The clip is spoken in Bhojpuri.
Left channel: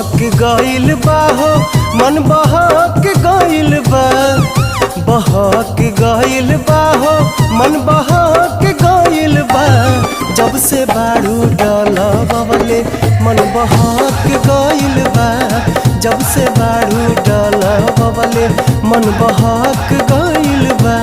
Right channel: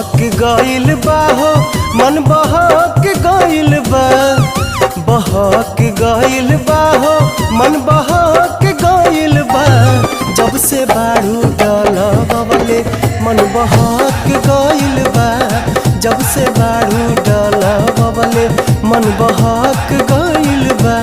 बहक गइल बा हो मन बहक गइल बा, बहक गइल बा हो मन बहक गइल बा। जब से बारू डलवले मन बहक गइल बा, जब से बारू डलवले मन बहक गइल बा।